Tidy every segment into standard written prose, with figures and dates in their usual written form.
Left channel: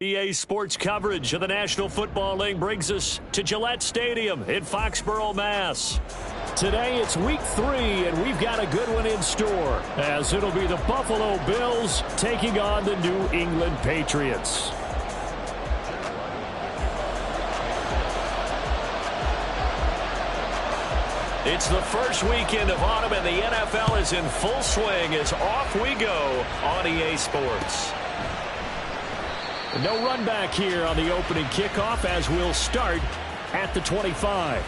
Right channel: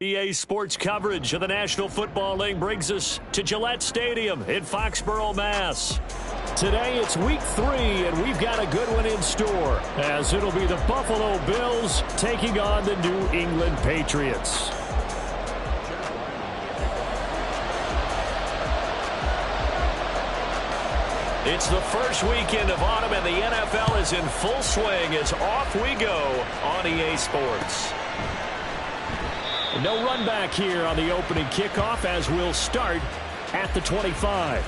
EA Sports coverage of the National Football League brings us to Gillette Stadium in Foxborough, Mass. Today it's week 3, and we've got a good one in store, as it'll be the Buffalo Bills taking on the New England Patriots. It's the first weekend of autumn, and the NFL is in full swing as off we go on EA Sports. No run back here on the opening kickoff, as we'll start at the 25.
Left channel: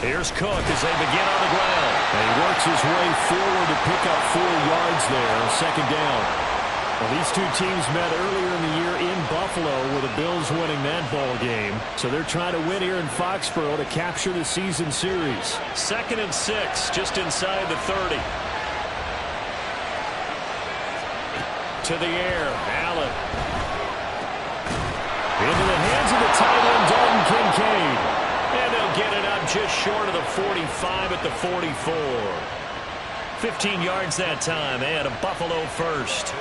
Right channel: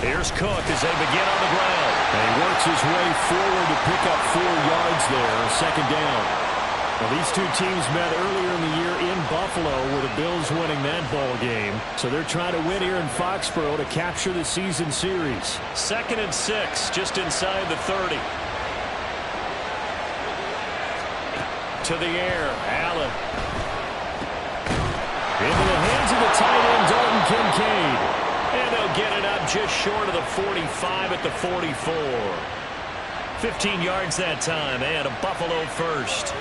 Here's Cook as they begin on the ground. And he works his way forward to pick up 4 yards there, second down. Well, these two teams met earlier in the year in Buffalo, with the Bills winning that ball game. So they're trying to win here in Foxborough to capture the season series. 2nd and 6, just inside the 30. To the air, Allen. Into the hands of the tight end, Dalton Kincaid. And they'll get it up just short of the 45 at the 44. 15 yards that time, and a Buffalo first.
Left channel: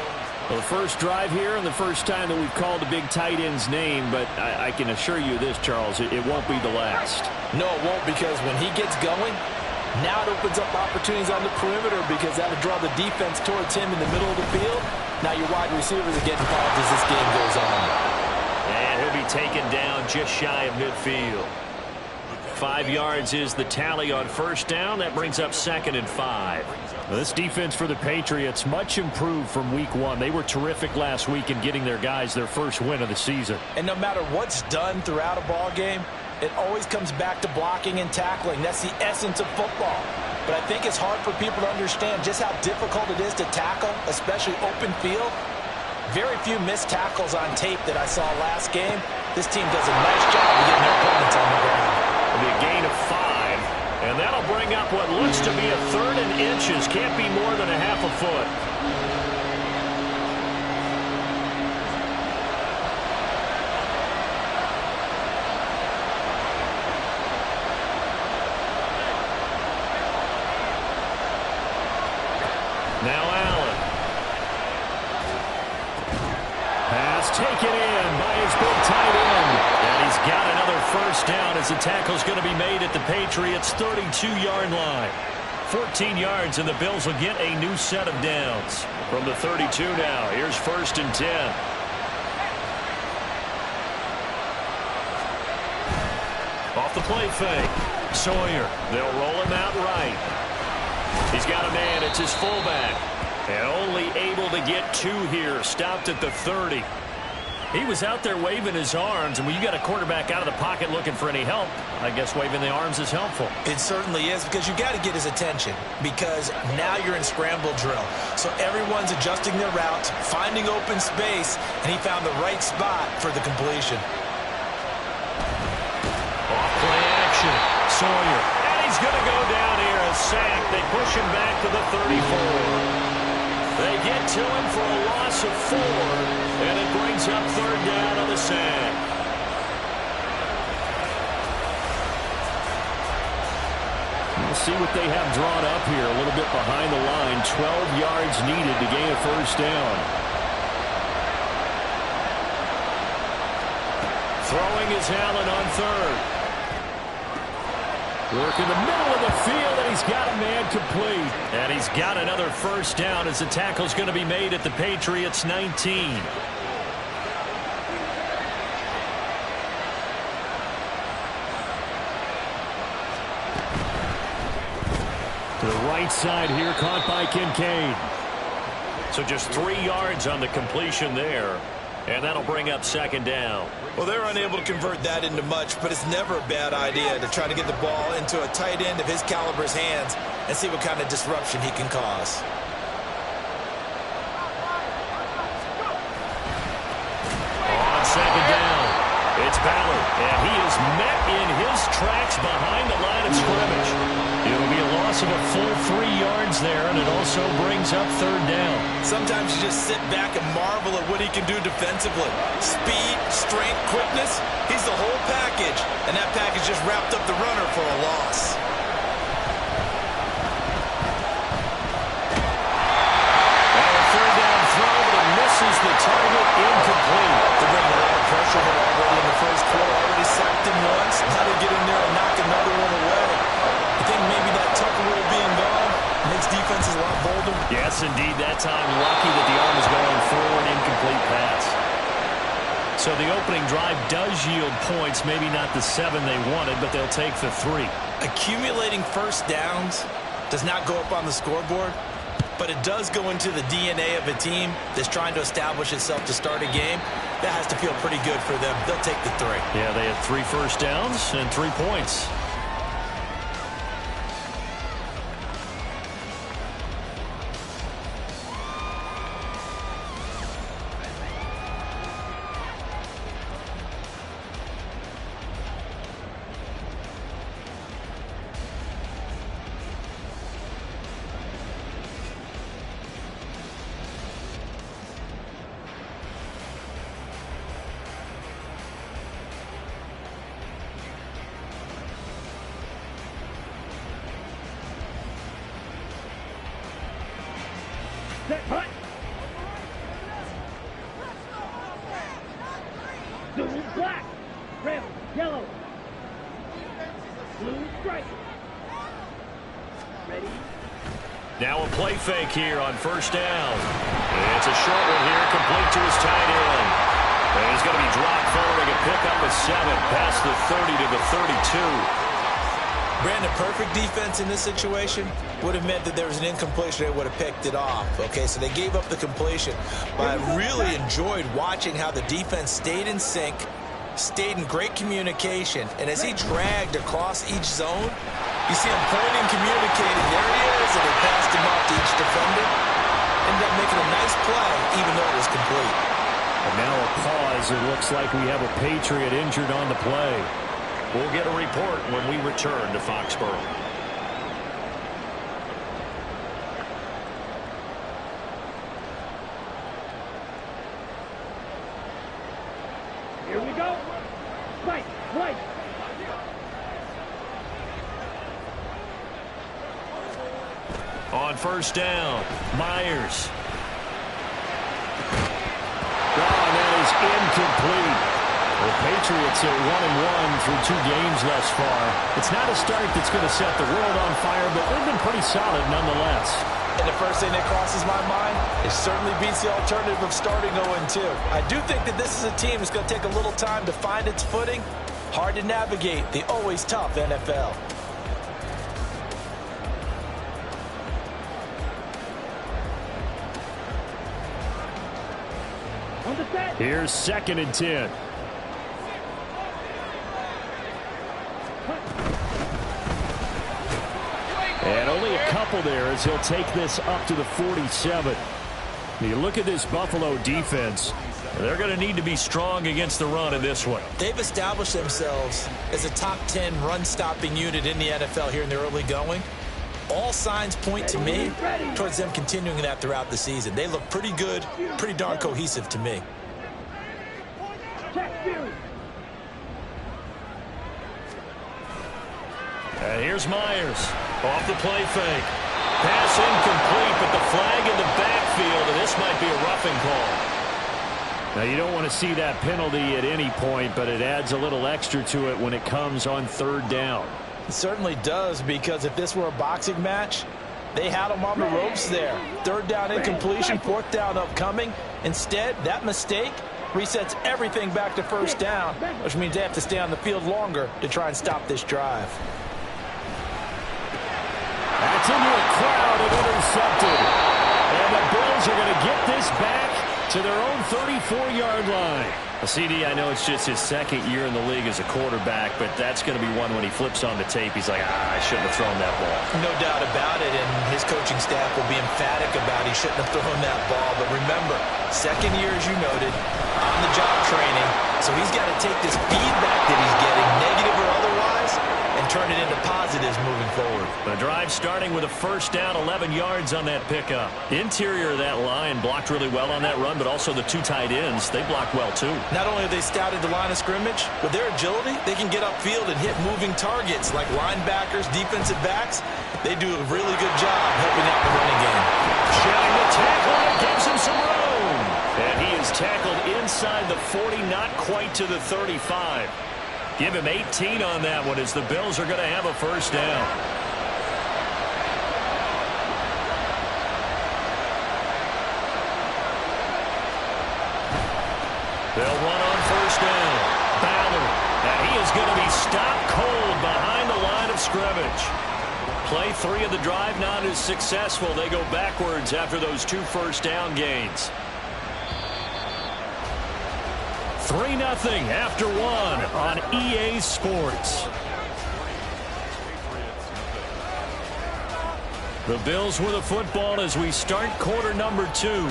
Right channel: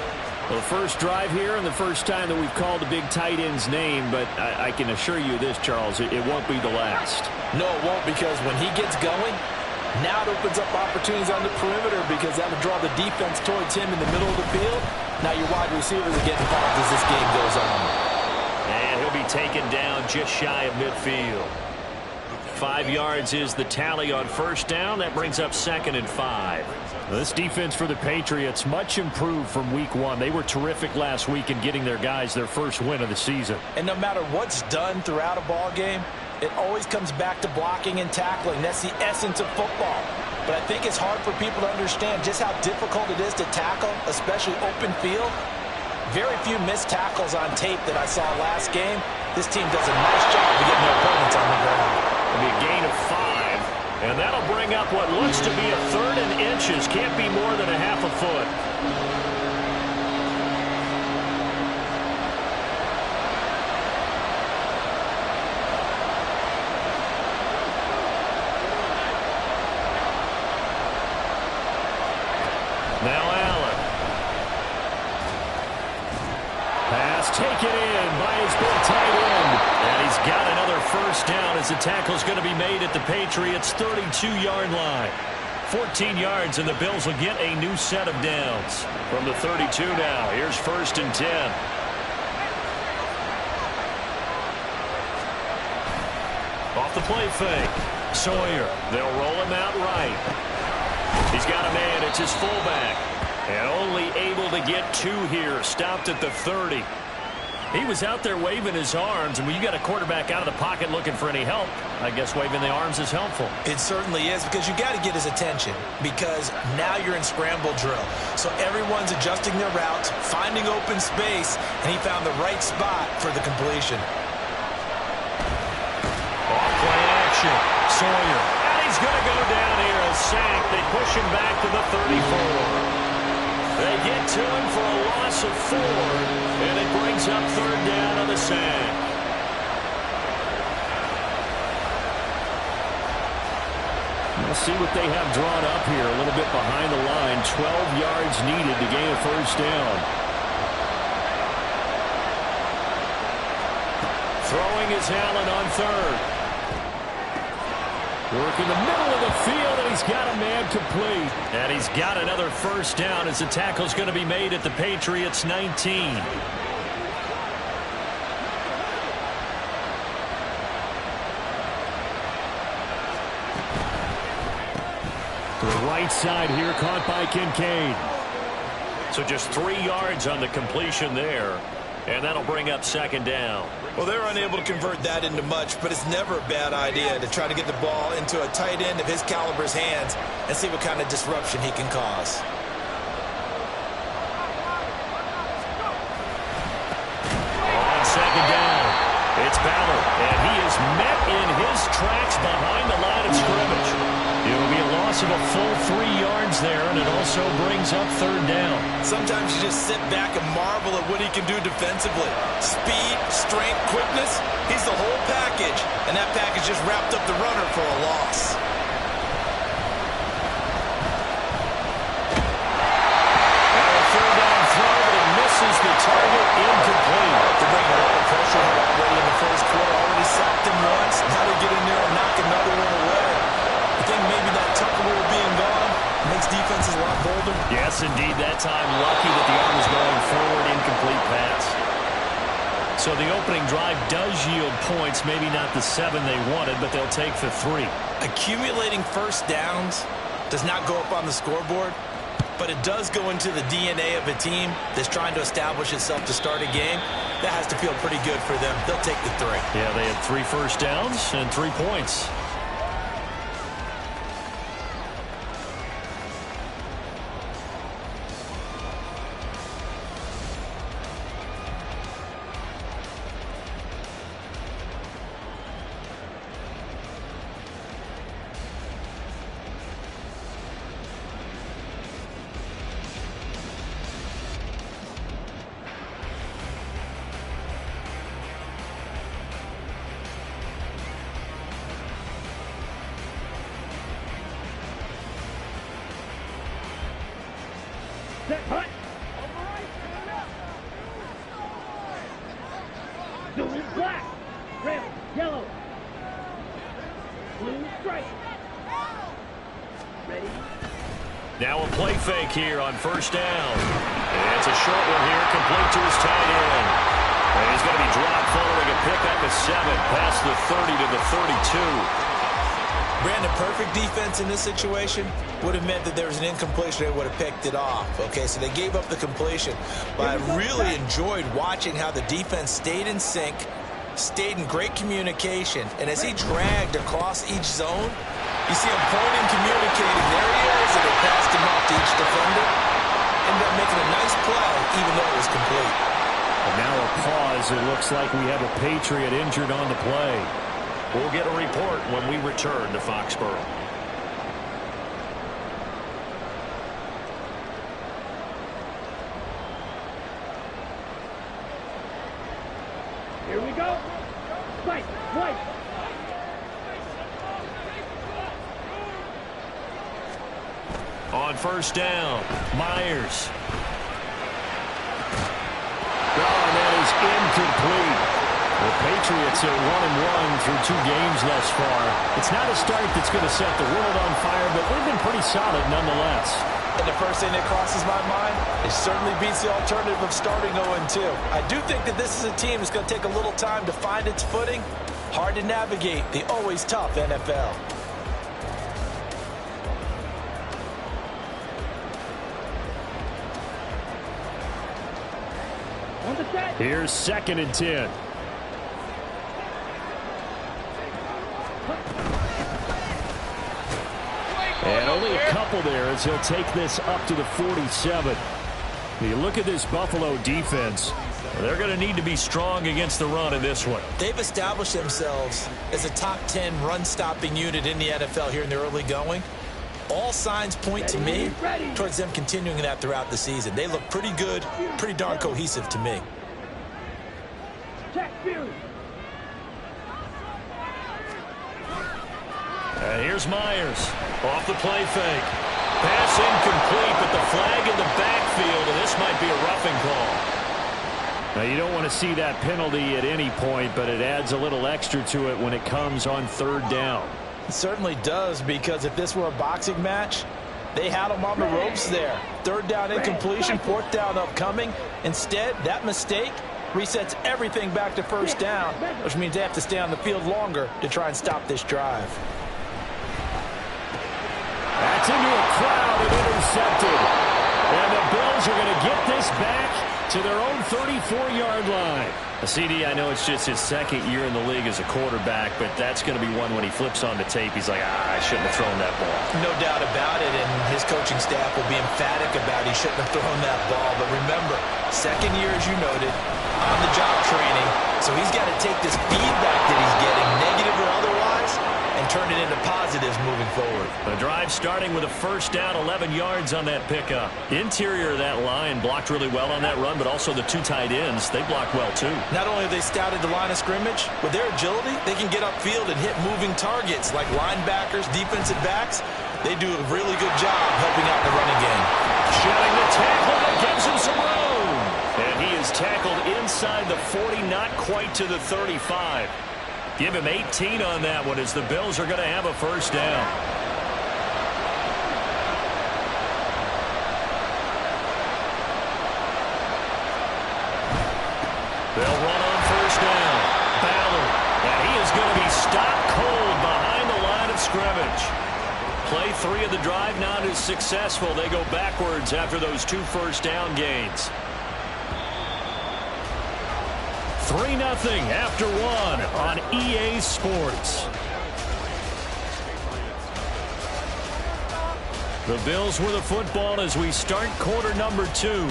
Well, the first drive here and the first time that we've called a big tight end's name, but I can assure you this, Charles, it won't be the last. No, it won't, because when he gets going, now it opens up opportunities on the perimeter, because that'll draw the defense towards him in the middle of the field. Now your wide receivers are getting involved as this game goes on. And he'll be taken down just shy of midfield. 5 yards is the tally on first down. That brings up 2nd and 5. This defense for the Patriots, much improved from week 1. They were terrific last week in getting their guys their first win of the season. And no matter what's done throughout a ball game, it always comes back to blocking and tackling. That's the essence of football. But I think it's hard for people to understand just how difficult it is to tackle, especially open field. Very few missed tackles on tape that I saw last game. This team does a nice job of getting their opponents on the ground. It'll be a gain of 5, and that'll bring up what looks to be a 3rd and inches. Can't be more than a half a foot. Now Allen. Pass taken in by his big tight end. And he's got another first down as the tackle's going to be made at the Patriots' 32-yard line. 14 yards, and the Bills will get a new set of downs. From the 32 now, here's 1st and 10. Off the play fake. Sawyer. They'll roll him out right. He's got a man. It's his fullback. And only able to get 2 here. Stopped at the 30. He was out there waving his arms, and when you got a quarterback out of the pocket looking for any help, I guess waving the arms is helpful. It certainly is, because you got to get his attention, because now you're in scramble drill. So everyone's adjusting their routes, finding open space, and he found the right spot for the completion. Off play action. Sawyer. And he's going to go down here, a sack. They push him back to the 34. They get to him for a loss of 4, and it brings up 3rd down on the sack. We'll see what they have drawn up here, a little bit behind the line. 12 yards needed to gain a first down. Throwing is Allen on 3rd. Work in the middle of the field, and he's got a man complete. And he's got another first down as the tackle's going to be made at the Patriots' 19. To the right side here, caught by Kincaid. So just 3 yards on the completion there. And that'll bring up 2nd down. Well, they're unable to convert that into much, but it's never a bad idea to try to get the ball into a tight end of his caliber's hands and see what kind of disruption he can cause. On 2nd down, it's Ballard, and he is met in his tracks behind the line of scrimmage. It'll be a loss of a full 3 yards there, and it also brings up third down. Sometimes you just sit back and marvel at what he can do defensively. Speed, strength, quickness, he's the whole package. And that package just wrapped up the runner for a loss. Third down throw, but it misses the target, incomplete. They're bringing a lot of pressure here already in the first quarter. Already sacked him once. Now they get in there and knock another one away. I think maybe that Tucker rule being gone makes defenses a lot bolder. Yes, indeed. That time, lucky that the arm was going forward, incomplete pass. So the opening drive does yield points, maybe not the 7 they wanted, but they'll take the 3. Accumulating first downs does not go up on the scoreboard, but it does go into the DNA of a team that's trying to establish itself to start a game. That has to feel pretty good for them. They'll take the 3. Yeah, they had 3 first downs and 3 points. Hut. Blue, black, red, yellow, blue, stripe. Ready? Now a play fake here on first down. It's a short one here, complete to his tight end. And he's going to be dropped following a pickup of 7 past the 30 to the 32. Brandon, perfect defense in this situation would have meant that there was an incompletion. They would have picked it off. Okay, so they gave up the completion. But I really enjoyed watching how the defense stayed in sync, stayed in great communication. And as he dragged across each zone, you see him pointing, communicating. There he is, and they passed him off to each defender. Ended up making a nice play, even though it was complete. And now a pause. It looks like we have a Patriot injured on the play. We'll get a report when we return to Foxborough. Here we go. Right, right. On first down, Myers. Oh, and that is incomplete. The Patriots are 1-1 through 2 games thus far. It's not a start that's going to set the world on fire, but they've been pretty solid nonetheless. And the first thing that crosses my mind, it certainly beats the alternative of starting 0-2. I do think that this is a team that's going to take a little time to find its footing. Hard to navigate the always tough NFL. On the set. Here's 2nd and 10. And only a couple there as he'll take this up to the 47. You look at this Buffalo defense. They're going to need to be strong against the run in this one. They've established themselves as a top 10 run-stopping unit in the NFL here in the early going. All signs point to me towards them continuing that throughout the season. They look pretty good, pretty darn cohesive to me. Check you. And here's Myers off the play fake. Pass incomplete, but the flag in the backfield, and this might be a roughing call. Now, you don't want to see that penalty at any point, but it adds a little extra to it when it comes on 3rd down. It certainly does, because if this were a boxing match, they had them on the ropes there. 3rd down incompletion, 4th down upcoming. Instead, that mistake resets everything back to 1st down, which means they have to stay on the field longer to try and stop this drive. That's into a crowd and intercepted. And the Bills are going to get this back to their own 34-yard line. CD, I know it's just his 2nd year in the league as a quarterback, but that's going to be one when he flips on the tape. He's like, I shouldn't have thrown that ball. No doubt about it, and his coaching staff will be emphatic about he shouldn't have thrown that ball. But remember, 2nd year, as you noted, on-the-job training, so he's got to take this feedback that he's getting, negative or otherwise, turn it into positives moving forward. The drive starting with a first down, 11 yards on that pickup. Interior of that line blocked really well on that run, but also the two tight ends, they blocked well too. Not only have they scouted the line of scrimmage, with their agility, they can get upfield and hit moving targets like linebackers, defensive backs. They do a really good job helping out the running game. Shedding the tackle, and it gives him some room. And he is tackled inside the 40, not quite to the 35. Give him 18 on that one as the Bills are going to have a first down. They'll run on first down. Ballard. And he is going to be stopped cold behind the line of scrimmage. Play 3 of the drive not as successful. They go backwards after those 2 first down gains. 3-0 after 1 on EA Sports. The Bills with the football as we start quarter number 2,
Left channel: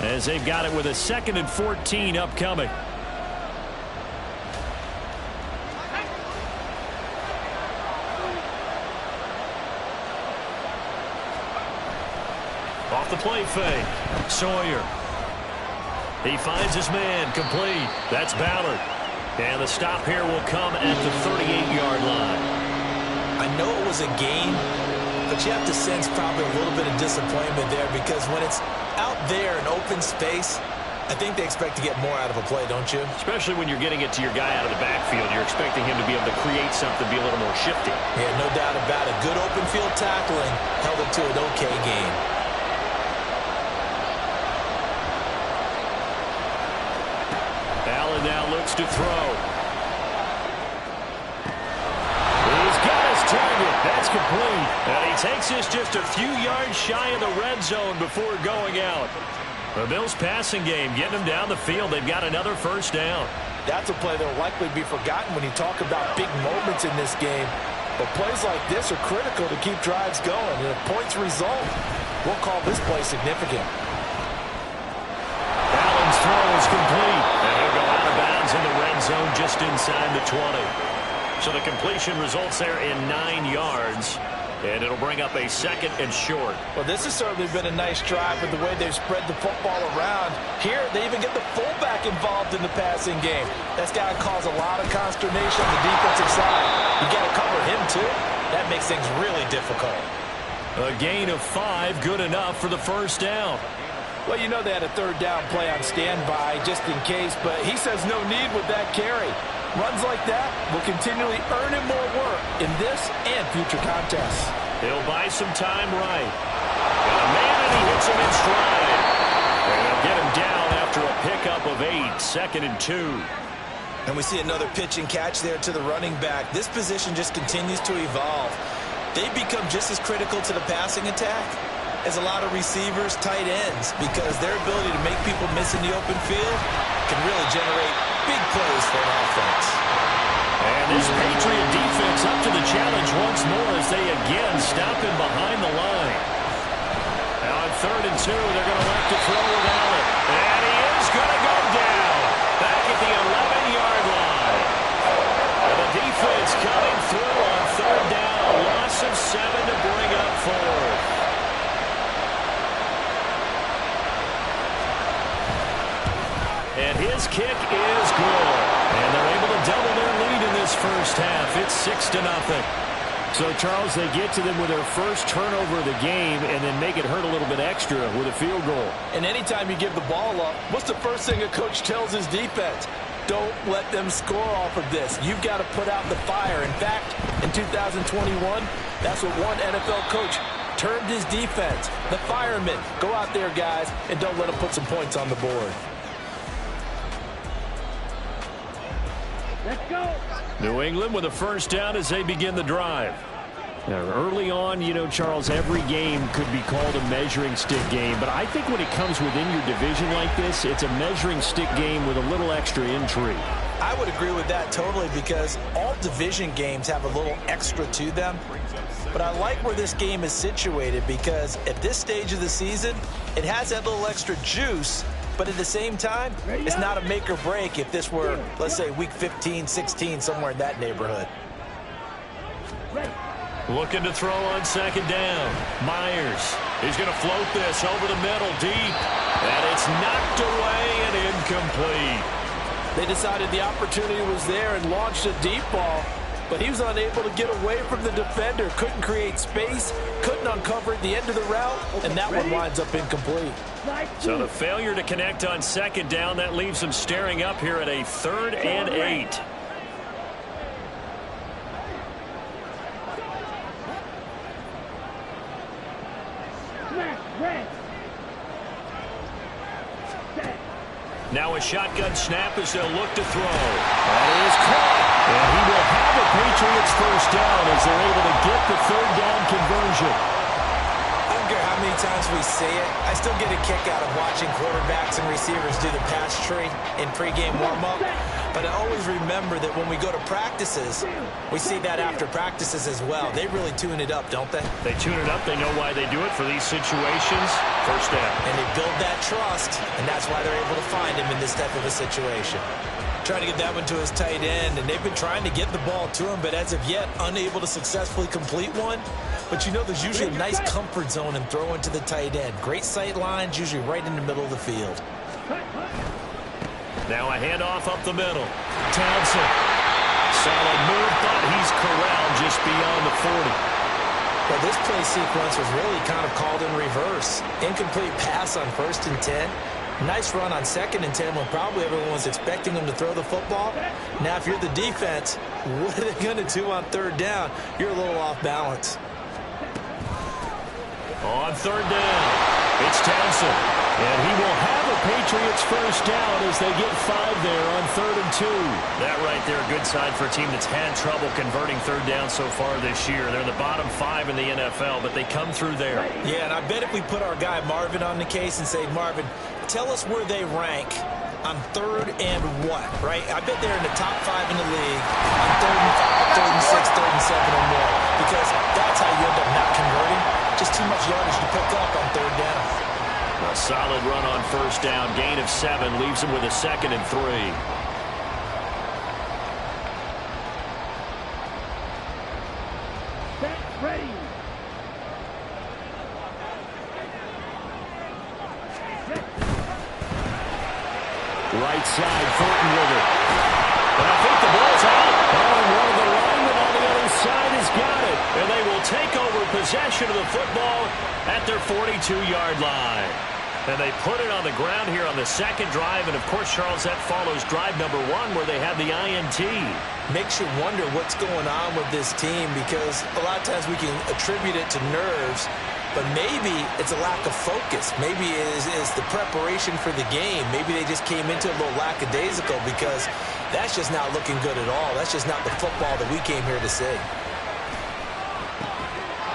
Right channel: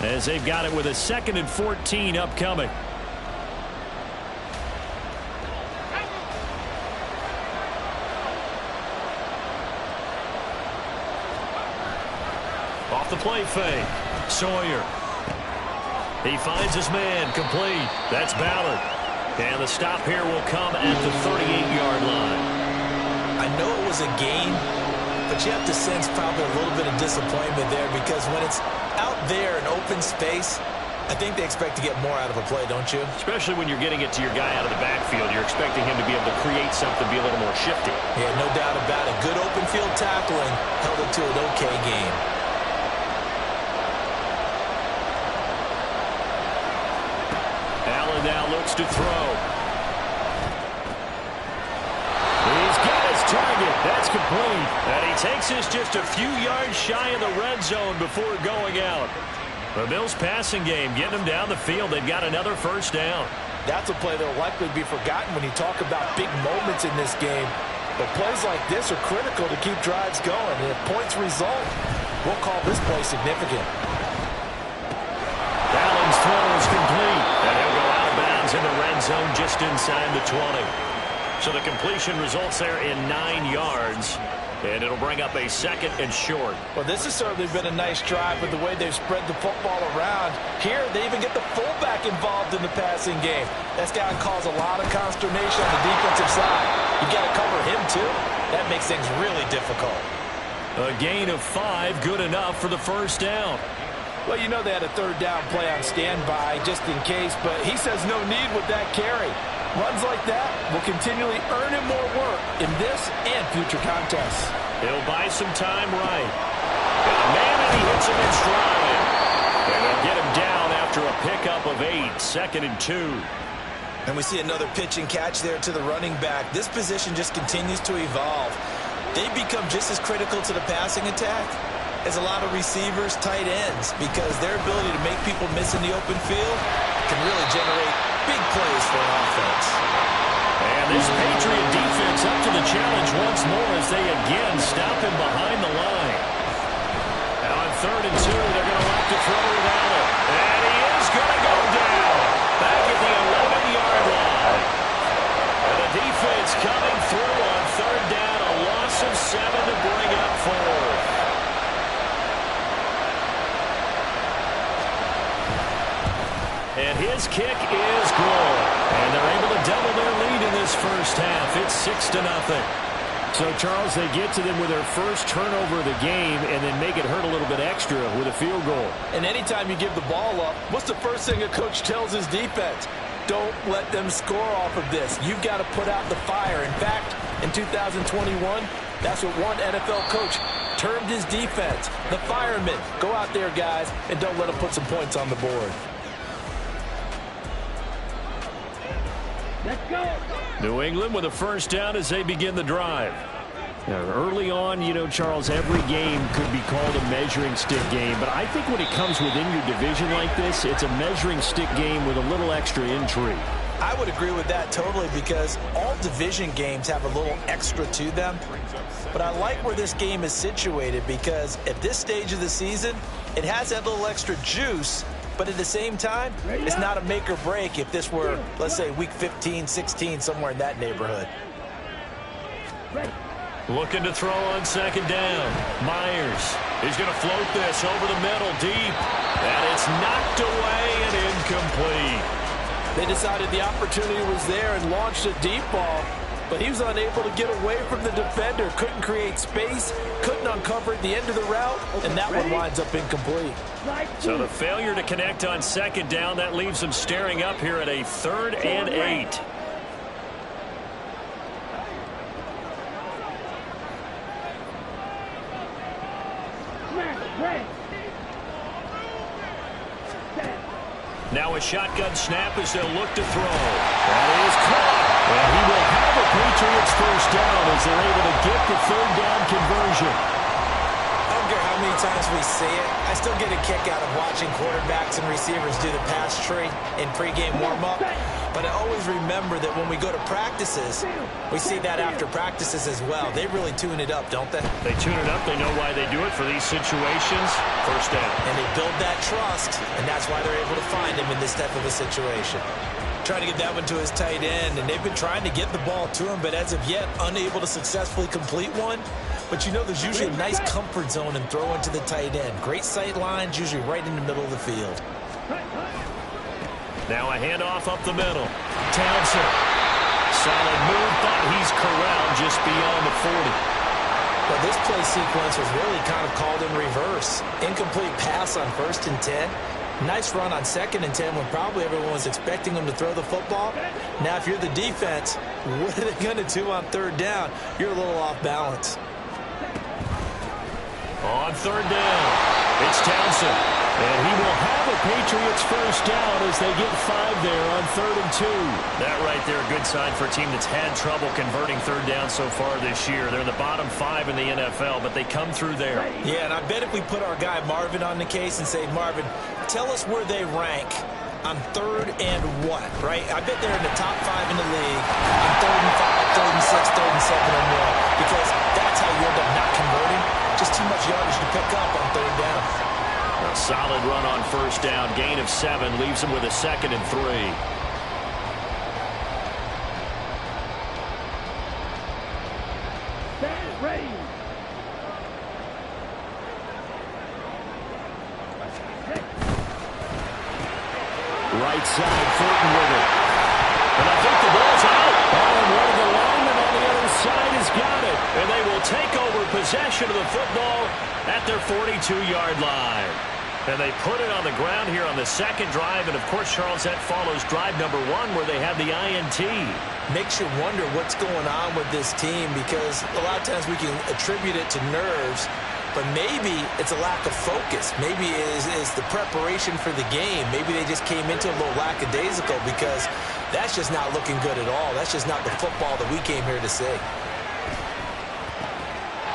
as they've got it with a 2nd and 14 upcoming. Off the play fake. Sawyer. He finds his man, complete. That's Ballard. And the stop here will come at the 38-yard line. I know it was a gain, but you have to sense probably a little bit of disappointment there because when it's out there in open space, I think they expect to get more out of a play, don't you? Especially when you're getting it to your guy out of the backfield. You're expecting him to be able to create something, be a little more shifty. Yeah, no doubt about it. Good open field tackling held it to an okay game. Allen now looks to throw. He's got his target. That's complete. And he takes this just a few yards shy of the red zone before going out. The Bills passing game getting them down the field. They've got another first down. That's a play that will likely be forgotten when you talk about big moments in this game. But plays like this are critical to keep drives going. And if points result, we'll call this play significant. Allen's throw is complete. And he'll go out of bounds in the red zone just inside the 20. So the completion results there in 9 yards. And it'll bring up a 2nd and short. Well, this has certainly been a nice drive with the way they've spread the football around. Here, they even get the fullback involved in the passing game. That's got to cause a lot of consternation on the defensive side. You got to cover him, too. That makes things really difficult. A gain of 5, good enough for the first down. Well, you know they had a 3rd down play on standby just in case, but he says no need with that carry. Runs like that will continually earn him more work in this and future contests. He'll buy some time right. Got a man, and he hits him in stride. And they'll get him down after a pickup of 8, 2nd and 2. And we see another pitch and catch there to the running back. This position just continues to evolve. They become just as critical to the passing attack as a lot of receivers, tight ends, because their ability to make people miss in the open field can really generate big plays for an offense. And this Patriot defense up to the challenge once more as they again stop him behind the line. Now on 3rd and 2, they're going to elect to throw with Allen. And he is going to go down back at the 11-yard line. And the defense coming through on 3rd down, a loss of 7 to bring up 4th. And his kick is good. And they're able to double their lead in this first half. It's 6-0. So, Charles, they get to them with their first turnover of the game and then make it hurt a little bit extra with a field goal. And anytime you give the ball up, what's the first thing a coach tells his defense? Don't let them score off of this. You've got to put out the fire. In fact, in 2021, that's what one NFL coach termed his defense. The firemen. Go out there, guys, and don't let them put some points on the board. Let's go. New England with a first down as they begin the drive. Now, early on, you know, Charles, every game could be called a measuring stick game. But I think when it comes within your division like this, it's a measuring stick game with a little extra intrigue. I would agree with that totally because all division games have a little extra to them. But I like where this game is situated because at this stage of the season, it has that little extra juice. But at the same time, it's not a make or break if this were, let's say, week 15, 16, somewhere in that neighborhood. Ready. Looking to throw on second down. Myers. He's going to float this over the middle deep. And it's knocked away and incomplete. They decided the opportunity was there and launched a deep ball, but he was unable to get away from the defender. Couldn't create space, couldn't uncover at the end of the route, and that one winds up incomplete. So the failure to connect on second down, that leaves them staring up here at a 3rd and 8. Now a shotgun snap as they'll look to throw. That is caught. And he will have a Patriots first down as they're able to get the 3rd down conversion. I don't care how many times we see it. I still get a kick out of watching quarterbacks and receivers do the pass tree in pregame warm-up. But I always remember that when we go to practices, we see that after practices as well. They really tune it up, don't they? They tune it up. They know why they do it for these situations. First down. And they build that trust, and that's why they're able to find him in this type of a situation. Trying to get that one to his tight end, and they've been trying to get the ball to him, but as of yet, unable to successfully complete one. But you know there's usually a nice comfort zone in throwing to the tight end. Great sight lines, usually right in the middle of the field. Now a handoff up the middle. Townsend. Solid move, but he's corralled just beyond the 40. Well, this play sequence was really kind of called in reverse. Incomplete pass on 1st and 10. Nice run on 2nd and 10 when probably everyone was expecting him to throw the football. Now, if you're the defense, what are they going to do on 3rd down? You're a little off balance. On 3rd down, it's Townsend. And he will have a Patriots first down as they get 5 there on 3rd and 2. That right there, a good sign for a team that's had trouble converting 3rd down so far this year. They're in the bottom 5 in the NFL, but they come through there. Yeah, and I bet if we put our guy Marvin on the case and say, Marvin, tell us where they rank on 3rd and what, right? I bet they're in the top 5 in the league on 3rd and 5, 3rd and 6, 3rd and 7 or more, because that's how you end up not converting. Just too much yardage to pick up on 3rd down. A solid run on first down. Gain of 7 leaves him with a 2nd and 3. Set, ready. Right side, Thornton with it. And I think the ball's out. Oh, and one of the linemen on the other side has got it. And they will take over possession of the football at their 42-yard line. And they put it on the ground here on the 2nd drive. And, of course, Charles, that follows drive number 1 where they had the INT. Makes you wonder what's going on with this team, because a lot of times we can attribute it to nerves, but maybe it's a lack of focus. Maybe it is the preparation for the game. Maybe they just came into a little lackadaisical, because that's just not looking good at all. That's just not the football that we came here to see.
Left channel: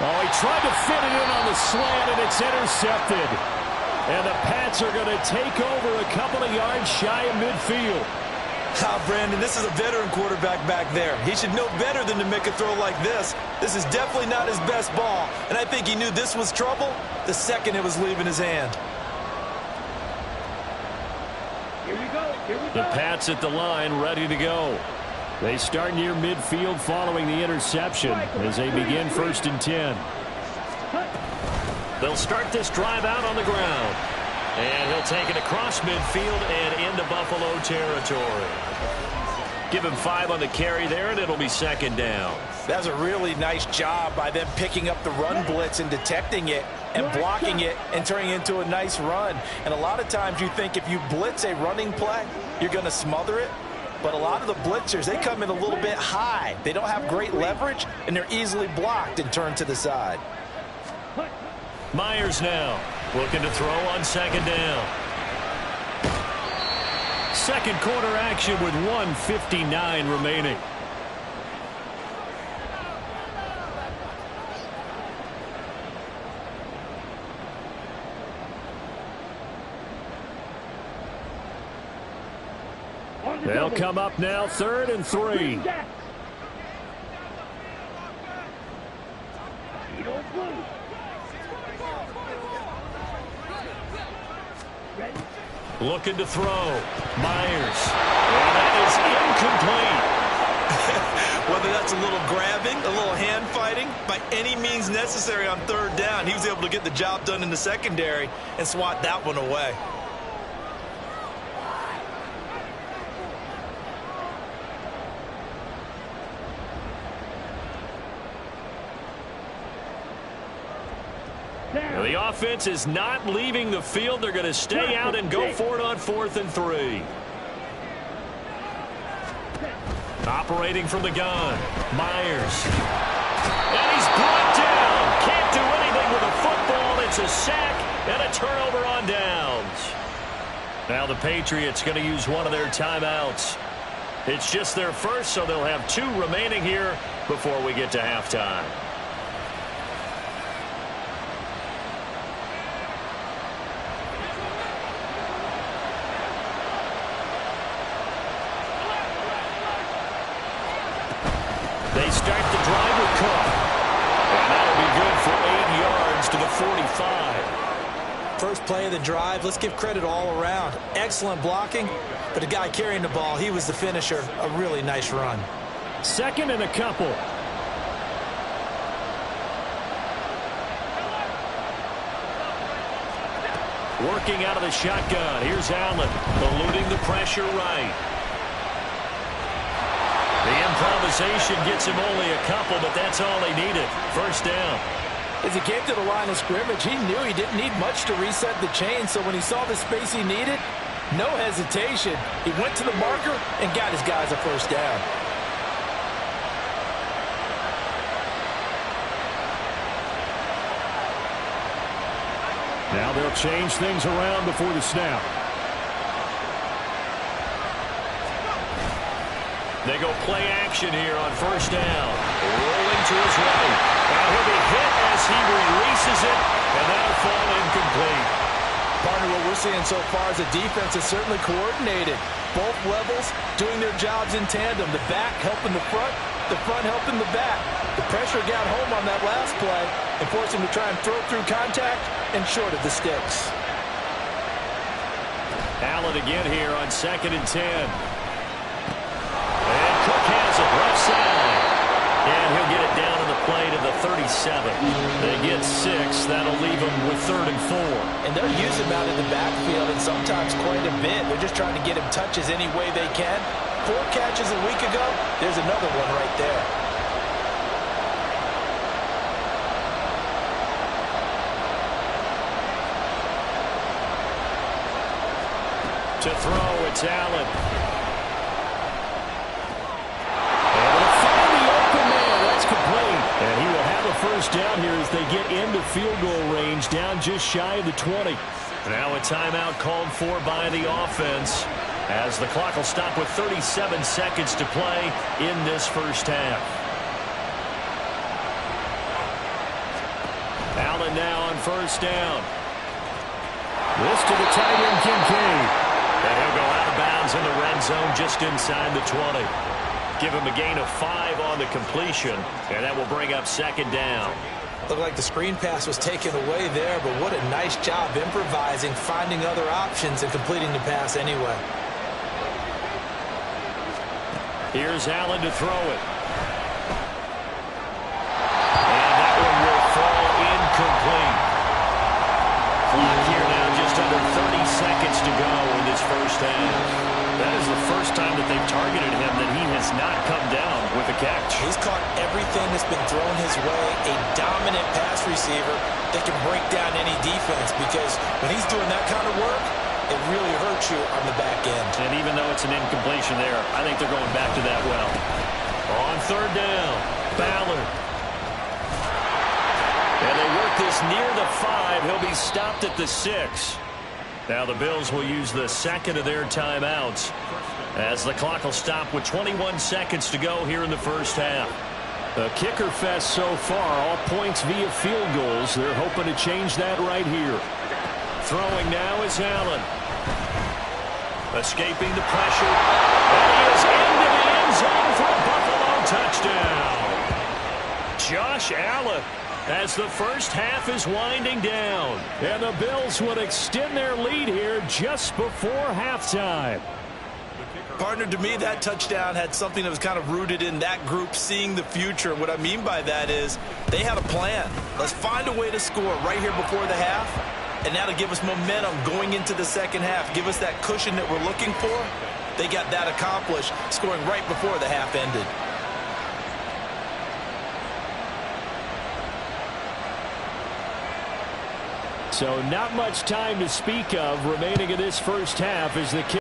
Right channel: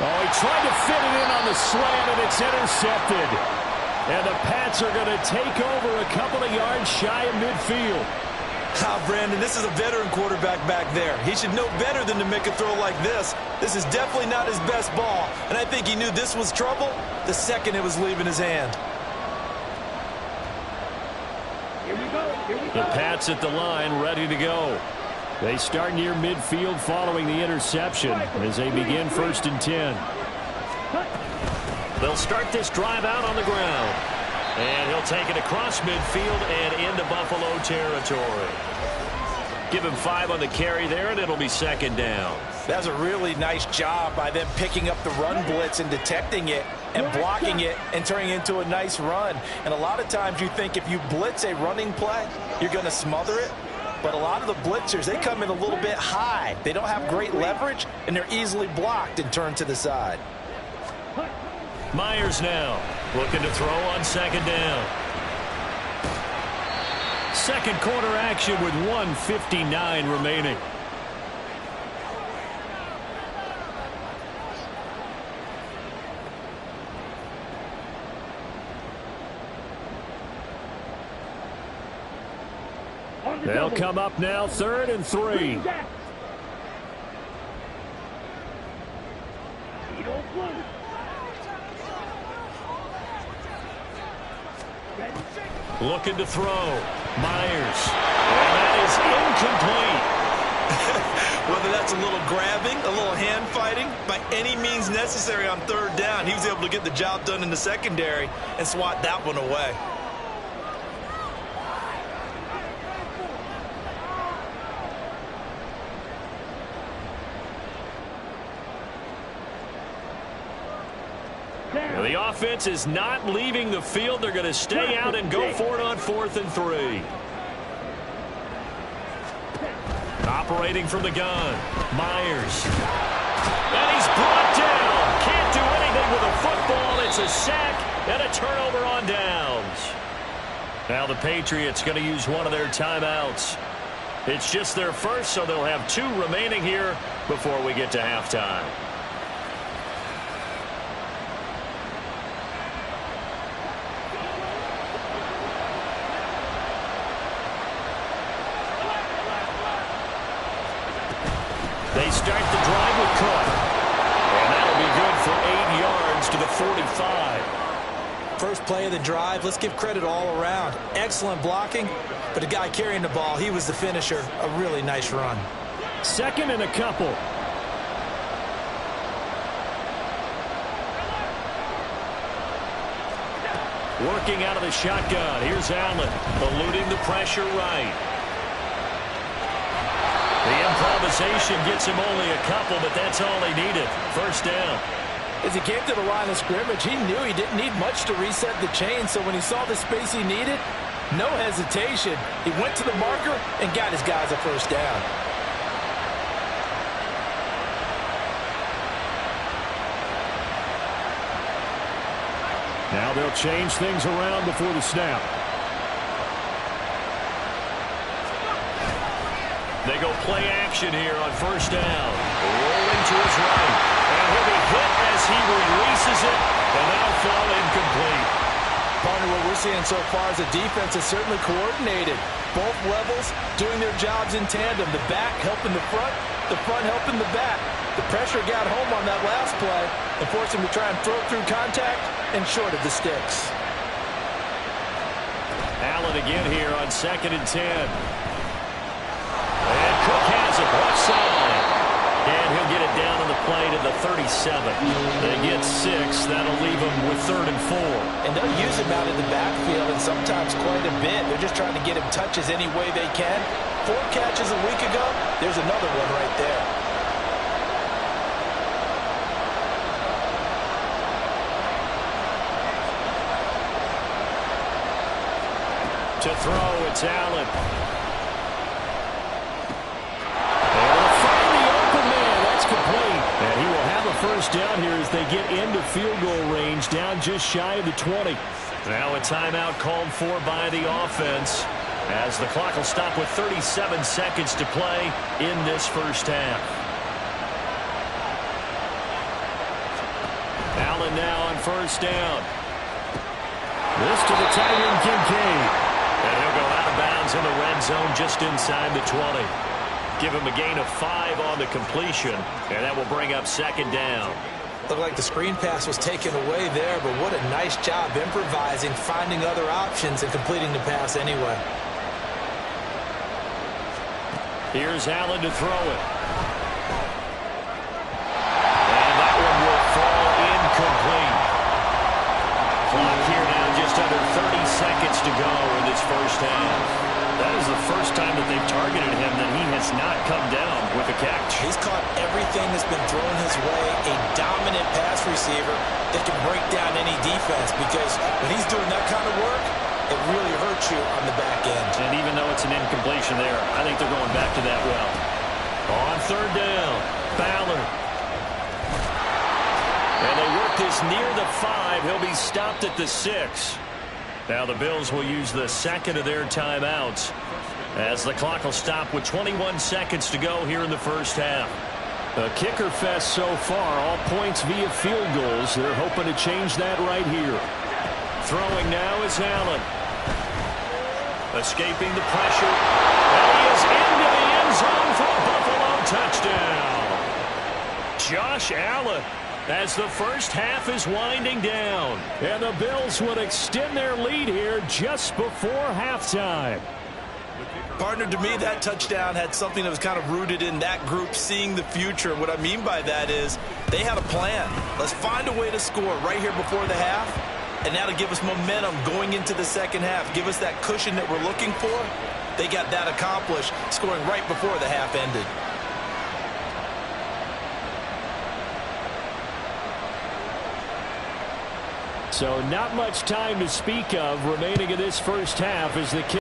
Oh, he tried to fit it in on the slant, and it's intercepted. And the Pats are going to take over a couple of yards shy of midfield. Brandon, this is a veteran quarterback back there. He should know better than to make a throw like this. This is definitely not his best ball, and I think he knew this was trouble the second it was leaving his hand. Here we go. Here we go. The Pats at the line, ready to go. They start near midfield following the interception as they begin 1st and 10. They'll start this drive out on the ground. And he'll take it across midfield and into Buffalo territory. Give him 5 on the carry there, and it'll be 2nd down. That's a really nice job by them picking up the run blitz and detecting it and blocking it and turning it into a nice run. And a lot of times you think if you blitz a running play, you're going to smother it. But a lot of the blitzers, they come in a little bit high. They don't have great leverage, and they're easily blocked and turned to the side. Myers now looking to throw on 2nd down. 2nd quarter action with 1:59 remaining. They'll come up now 3rd and 3. Looking to throw. Myers. And that is incomplete. Whether that's a little grabbing, a little hand fighting, by any means necessary on third down, he was able to get the job done in the secondary and swat that one away. Now, the offense is not leaving the field. They're going to stay out and go for it on 4th and 3. Operating from the gun, Myers. And he's brought down. Can't do anything with a football. It's a sack and a turnover on downs. Now the Patriots going to use one of their timeouts. It's just their first, so they'll have 2 remaining here before we get to halftime. They start the drive with Cook. And that'll be good for 8 yards to the 45. First play of the drive, let's give credit all around. Excellent blocking, but the guy carrying the ball, he was the finisher. A really nice run. 2nd and a couple. Working out of the shotgun. Here's Allen, eluding the pressure right. The improvisation gets him only a couple, but that's all he needed. First down. As he came to the line of scrimmage, he knew he didn't need much to reset the chain, so when he saw the space he needed, no hesitation. He went to the marker and got his guys a first down. Now they'll change things around before the snap. They go play action here on first down. Rolling to his right. And he'll be hit as he releases it. And that'll fall incomplete. Partner, what we're seeing so far is the defense is certainly coordinated. Both levels doing their jobs in tandem. The back helping the front helping the back. The pressure got home on that last play and forced him to try and throw through contact and short of the sticks. Allen again here on 2nd and 10. And Cook has it left side. And he'll get it down on the play to the 37. They get 6. That'll leave them with 3rd and 4. And they'll use him out in the backfield, and sometimes quite a bit. They're just trying to get him touches any way they can. 4 catches a week ago. There's another one right there. To throw, it's Allen. Able to find the open man. That's complete. And he will have a first down here as they get into field goal range, down just shy of the 20. Now a timeout called for by the offense, as the clock will stop with 37 seconds to play in this first half. Allen now on first down. This to the tight end, Kincaid. And he'll go out of bounds in the red zone just inside the 20. Give him a gain of 5 on the completion, and that will bring up 2nd down. Looked like the screen pass was taken away there, but what a nice job improvising, finding other options, and completing the pass anyway. Here's Allen to throw it. And that one will fall incomplete. Clock here now just under 30 seconds to go in this first half. That is the first time that they've targeted him that he has not come down with a catch. He's caught everything that's been thrown his way. A dominant pass receiver that can break down any defense, because when he's doing that kind of work, it really hurts you on the back end. And even though it's an incompletion there, I think they're going back to that well. On 3rd down, Ballard. And they work this near the 5. He'll be stopped at the 6. Now the Bills will use the 2nd of their timeouts, as the clock will stop with 21 seconds to go here in the first half. A kicker fest so far, all points via field goals. They're hoping to change that right here. Throwing now is Allen. Escaping the pressure. And he is into the end zone for a Buffalo touchdown. Josh Allen, as the first half is winding down. And the Bills would extend their lead here just before halftime. Partner, to me, that touchdown had something that was kind of rooted in that group seeing the future. And what I mean by that is they had a plan. Let's find a way to score right here before the half, and that'll give us momentum going into the second half, give us that cushion that we're looking for. They got that accomplished, scoring right before the half ended. So not much time to speak of remaining in this first half as the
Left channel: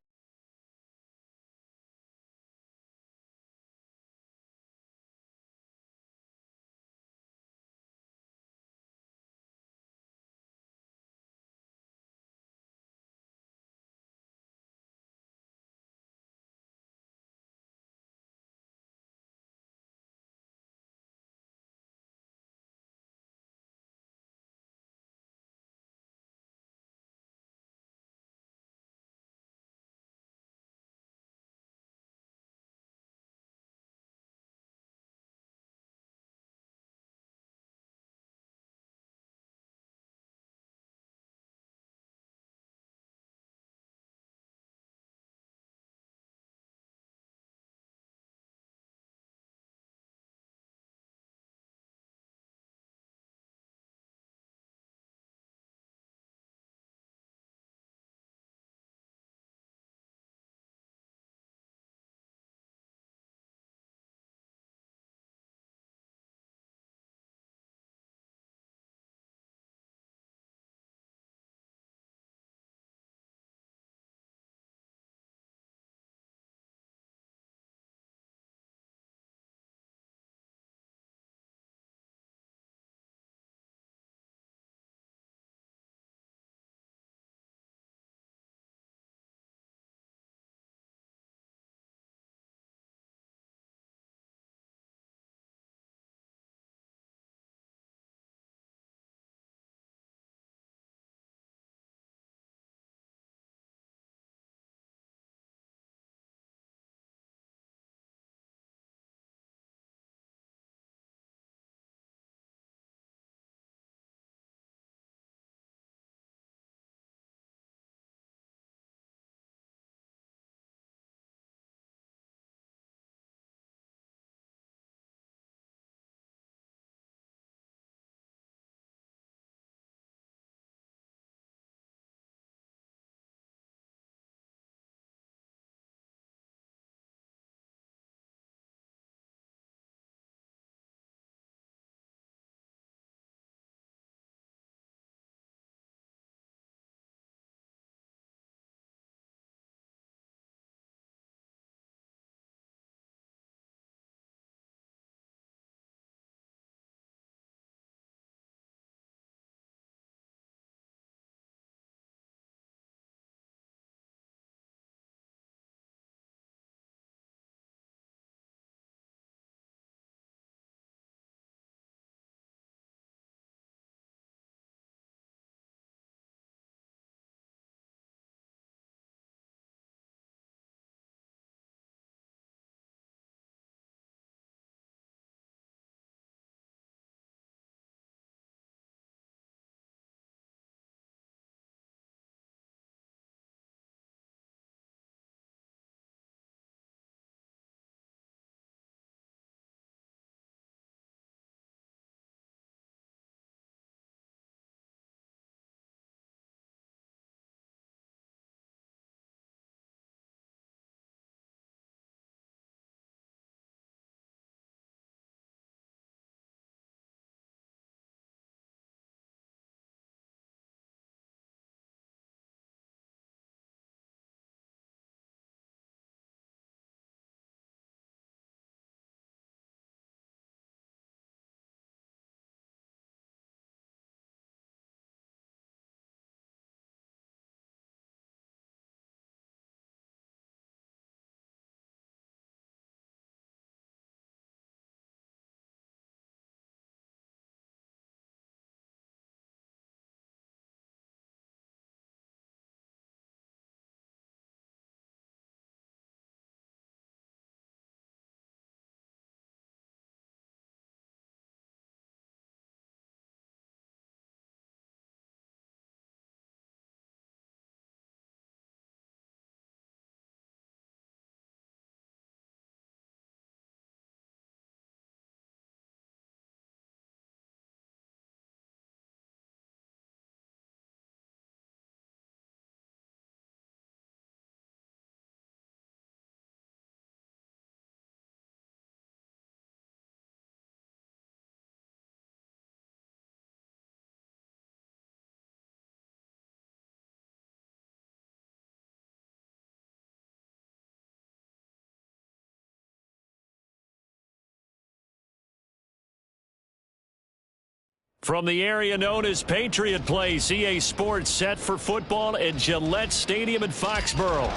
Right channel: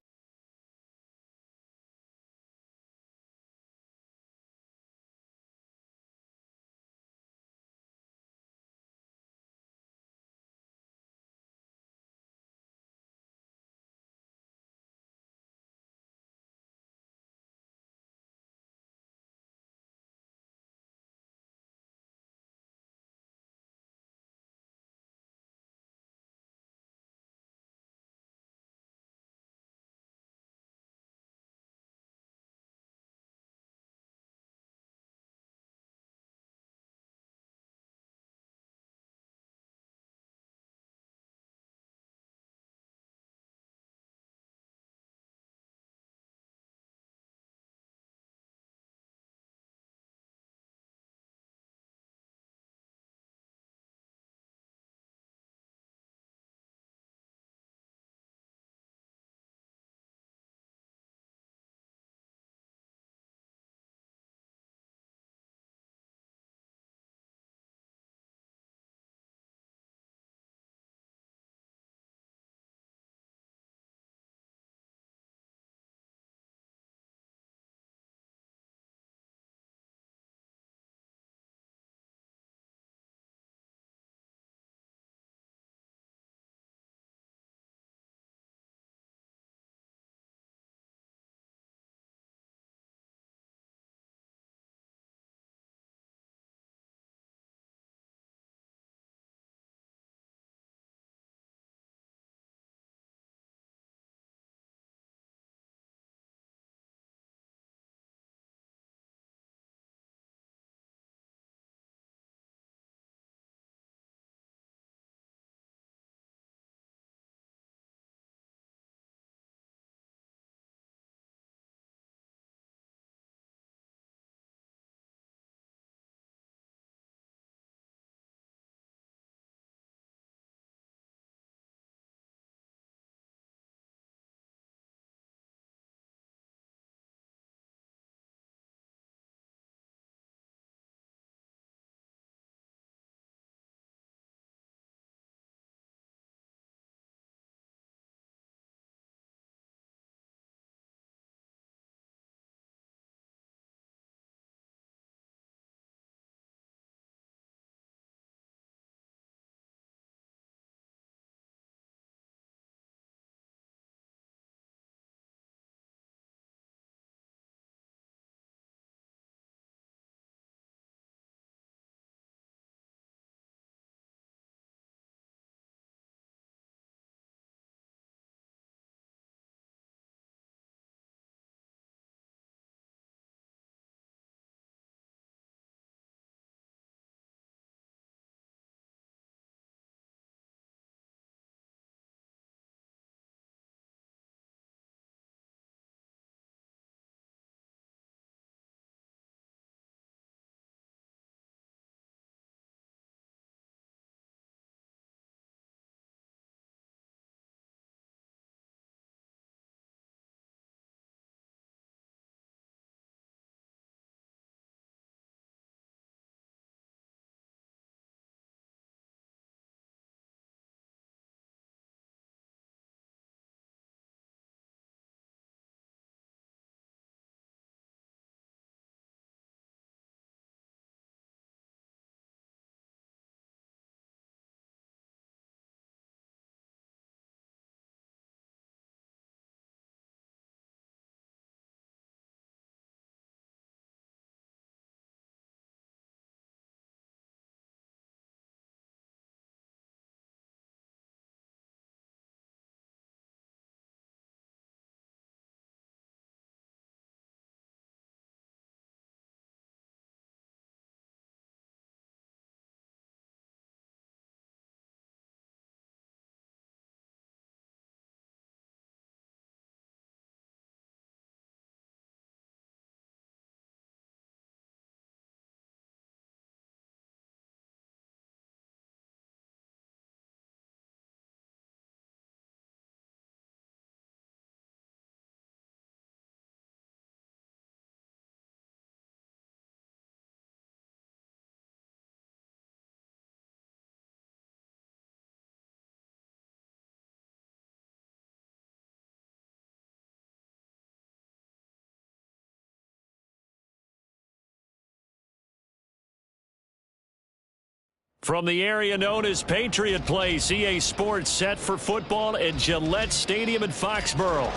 From the area known as Patriot Place, EA Sports set for football at Gillette Stadium in Foxborough.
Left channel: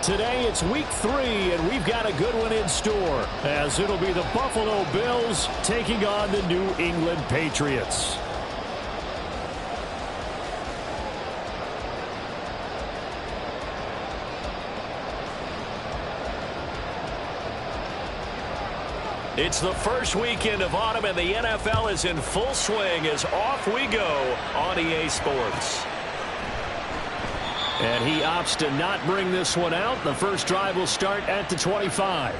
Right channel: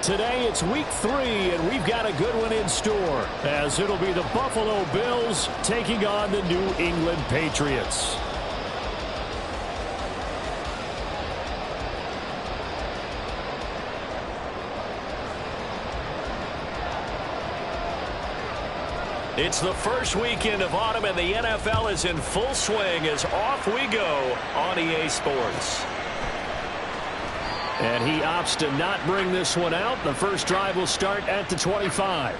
Today it's week 3, and we've got a good one in store, as it'll be the Buffalo Bills taking on the New England Patriots. It's the first weekend of autumn, and the NFL is in full swing as off we go on EA Sports. And he opts to not bring this one out. The first drive will start at the 25.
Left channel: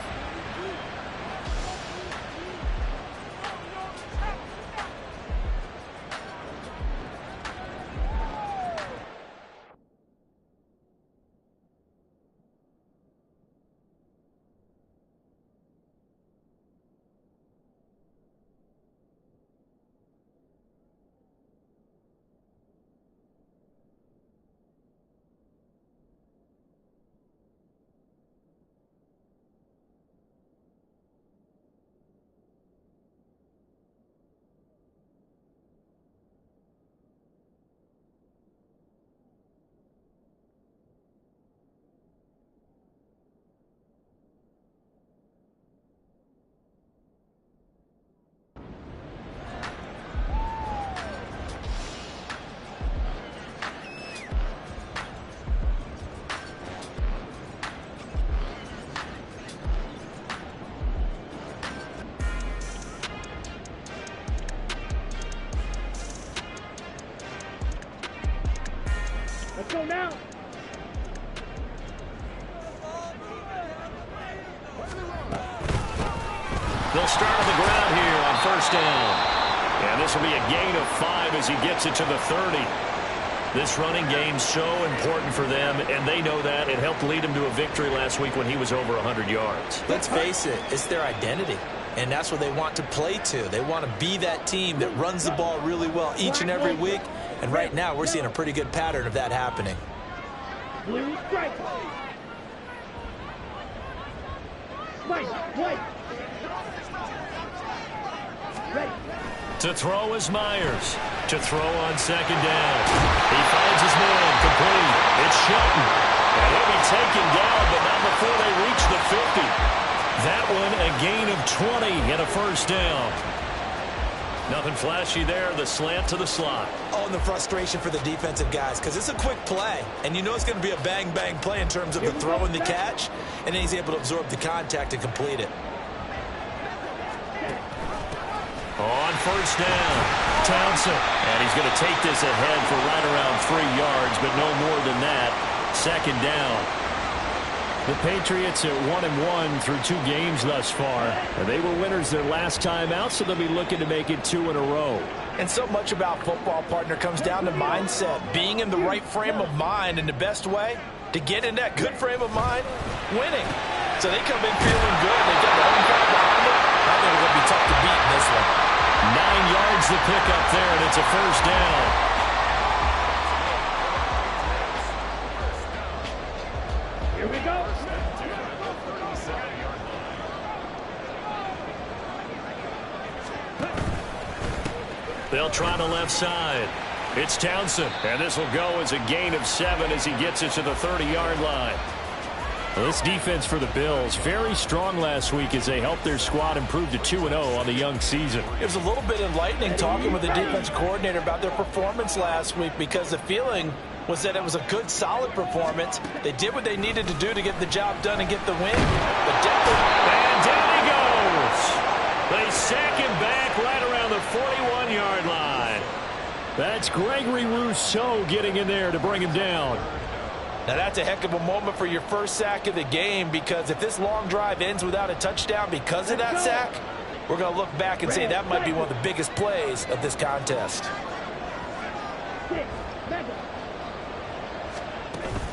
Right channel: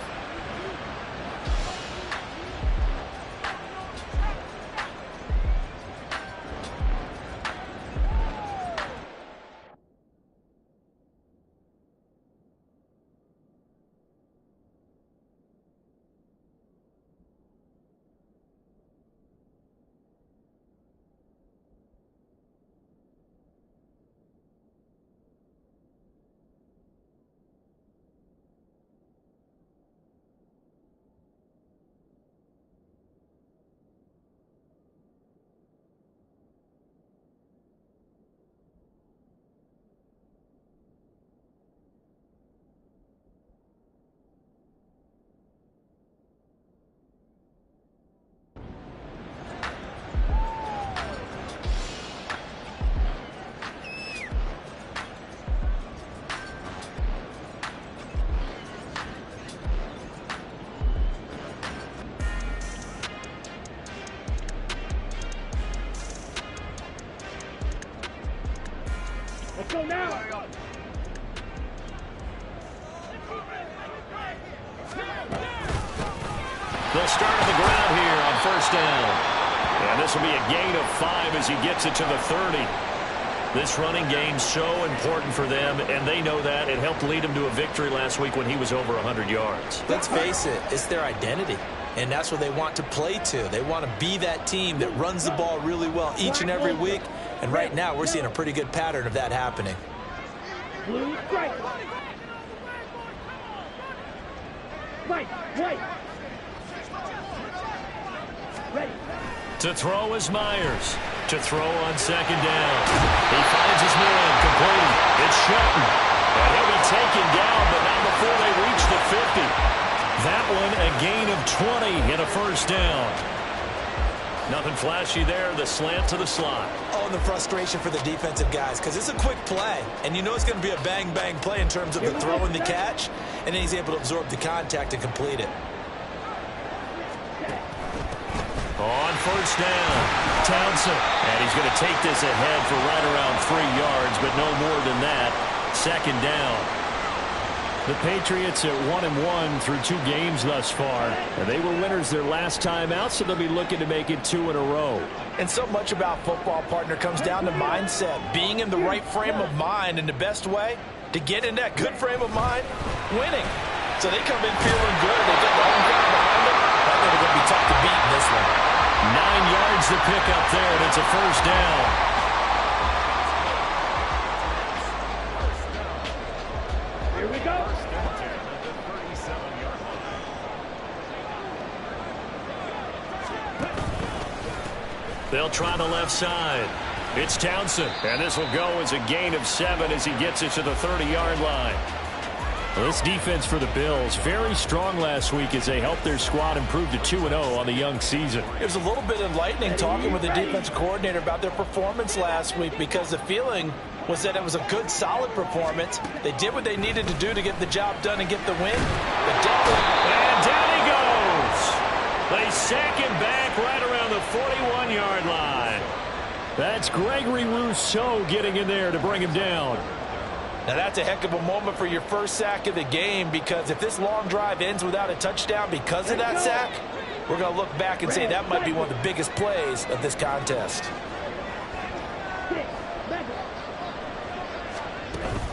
Let's go now. They'll start on the ground here on first down. And this will be a gain of 5 as he gets it to the 30. This running game's so important for them, and they know that. It helped lead him to a victory last week when he was over 100 yards. Let's face it, it's their identity. And that's what they want to play to. They want to be that team that runs the ball really well each and every week. And right now, we're seeing a pretty good pattern of that happening. Blue strike. White. Ready. To throw is Myers. To throw on second down. He finds his man complete. It's Shelton. And he'll be taken down, but not before they reach the 50. That one a gain of 20 and a first down. Nothing flashy there. The slant to the slot. Oh, and the frustration for the defensive guys, because it's a quick play. And you know it's going to be a bang-bang play in terms of the throw and the catch. And then he's able to absorb the contact and complete it. On first down, Townsend. And he's going to take this ahead for right around 3 yards, but no more than that. Second down. The Patriots at 1-1 through 2 games thus far. And they were winners their last time out, so they'll be looking to make it 2 in a row. And so much about football, partner, comes down to mindset. Being in the right frame of mind, and the best way to get in that good frame of mind, winning. So they come in feeling good. They've got the home crowd behind them. I think they're going to be tough to beat in this one. 9 yards to pick up there, and it's a first down. Here we go. They'll try the left side. It's Townsend, and this will go as a gain of 7 as he gets it to the 30-yard line. Well, this defense for the Bills, very strong last week as they helped their squad improve to 2-0 on the young season. It was a little bit enlightening talking with the defense coordinator about their performance last week, because the feeling was that it was a good, solid performance. They did what they needed to do to get the job done and get the win. But definitely... And down he goes. They sack him back right around the 41-yard line. That's Gregory Rousseau getting in there to bring him down. Now, that's a heck of a moment for your first sack of the game, because if this long drive ends without a touchdown because of that sack, we're going to look back and say that might be one of the biggest plays of this contest.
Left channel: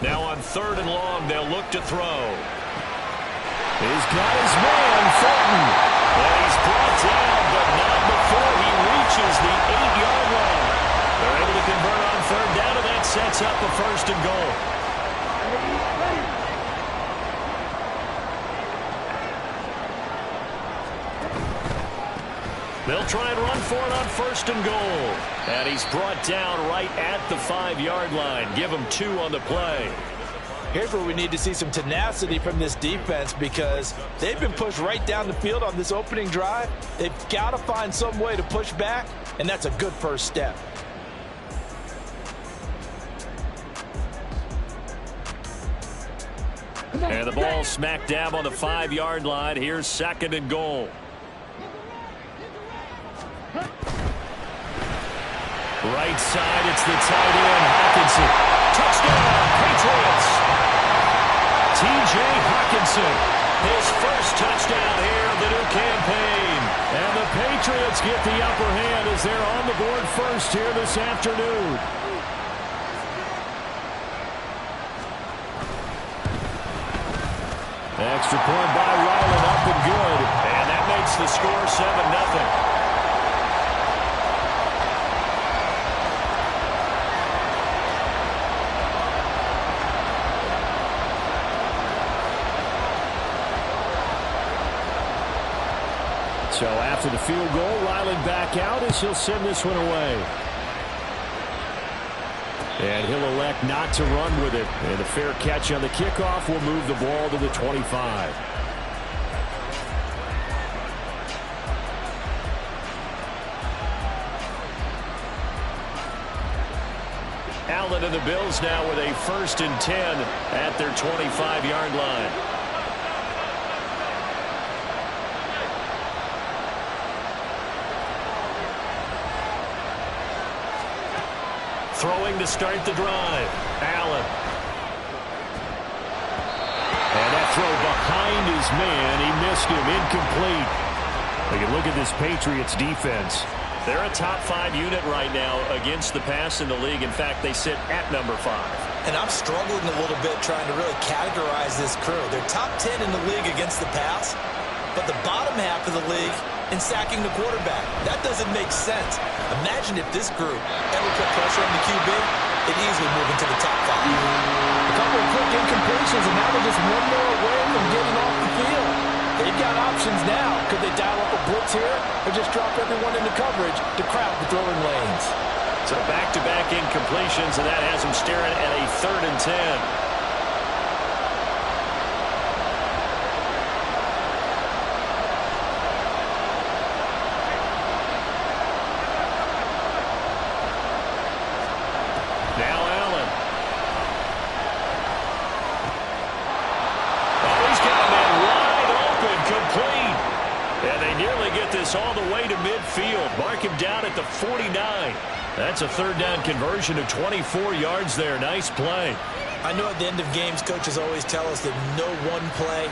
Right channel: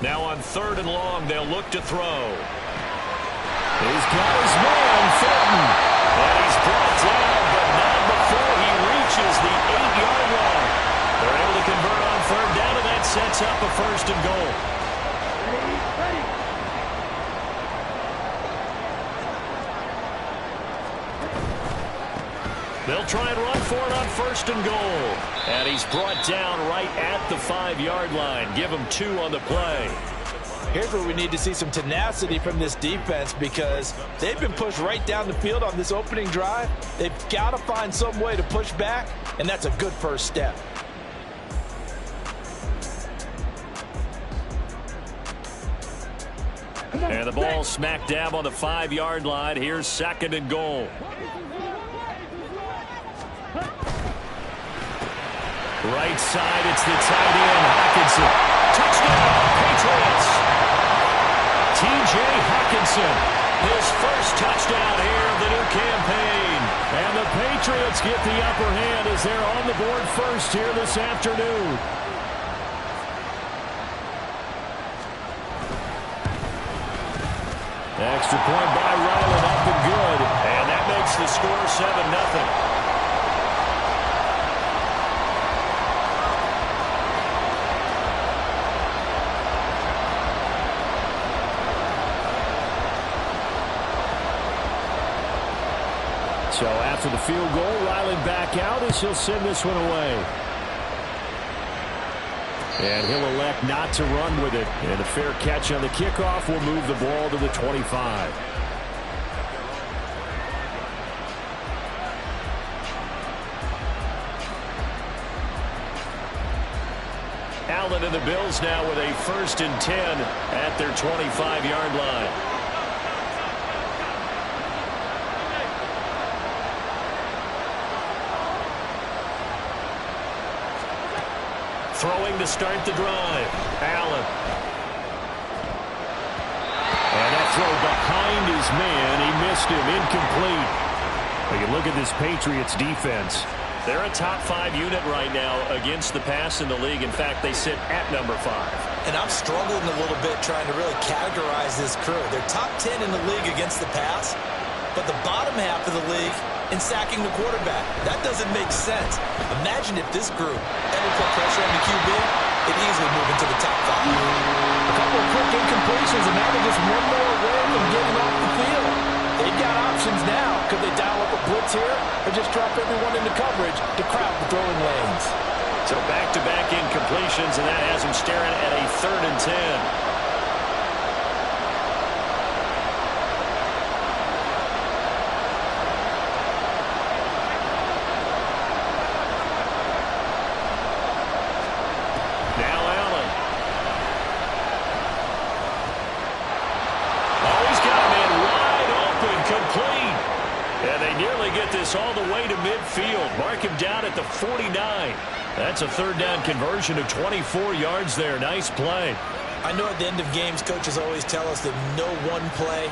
Now on 3rd and long, they'll look to throw. He's got his man, Fulton. And he's brought down, but not before he reaches the 8-yard line. They're able to convert on 3rd down, and that sets up a 1st and goal. Ready. They'll try and run for it on 1st and goal. And he's brought down right at the 5-yard line. Give him 2 on the play. Here's where we need to see some tenacity from this defense because they've been pushed right down the field on this opening drive. They've got to find some way to push back, and that's a good first step. And the ball smack dab on the 5-yard line. Here's 2nd and goal. Right side, it's the tight end, Hockenson. Touchdown, Patriots. T.J. Hockenson, his first touchdown here of the new campaign. And the Patriots get the upper hand as they're on the board first here this afternoon. Extra point by Ryland, up and good. And that makes the score 7-0. So after the field goal, Ryland back out as he'll send this one away. And he'll elect not to run with it. And a fair catch on the kickoff will move the ball to the 25. Allen and the Bills now with a 1st and 10 at their 25-yard line. Throwing to start the drive. Allen. And that throw behind his man. He missed him. Incomplete. We can look at this Patriots defense. They're a top 5 unit right now against the pass in the league. In fact, they sit at number 5. And I'm struggling a little bit trying to really categorize this crew. They're top 10 in the league against the pass, but the bottom half of the league in sacking the quarterback. That doesn't make sense. Imagine if this group ever put pressure on the QB, it'd easily move into the top 5. A couple of quick incompletions, and now they're just one more away from getting off the field. They've got options now. Could they dial up a blitz here or just drop everyone into coverage to crowd the throwing lanes? So back-to-back incompletions, and that has them staring at a 3rd and 10. Now Allen. Oh, he's got a man wide open, complete. And they nearly get this all the way to midfield. Mark him down at the 49. That's a 3rd down conversion of 24 yards there. Nice play. I know at the end of games, coaches always tell us that no one play